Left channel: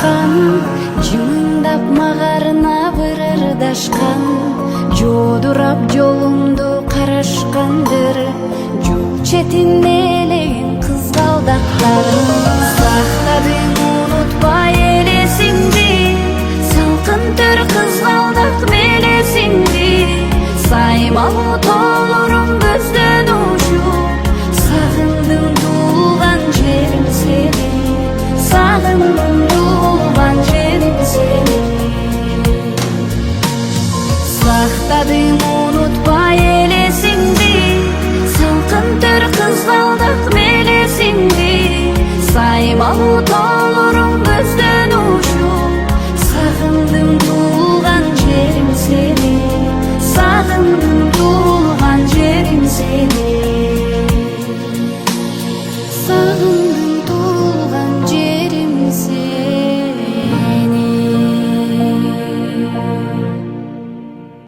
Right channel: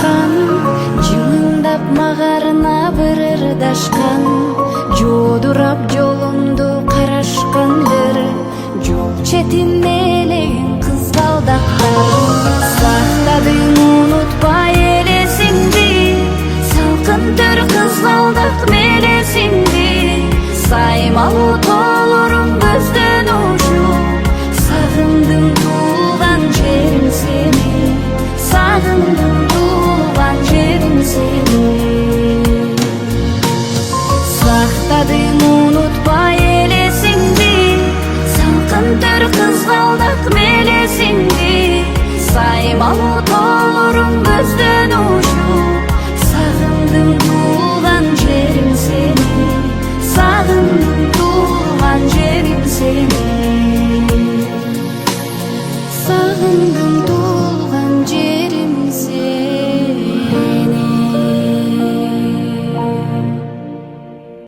калышкан, жымыңдап магарына бир ырдашкан, жодурап жолумду карашкандыр, жол четинде элеген кызгалдактар. Сактадың унутпай элесиңди, салкын төр кызгалдак белесиңди, саймалуу тоолорум көздөн учуп, сагындым туулган жерим сени, сагындым туулган жерим сени. Сактадың унутпай элесиңди, салкын төр кызгалдак белесиңди, саймалуу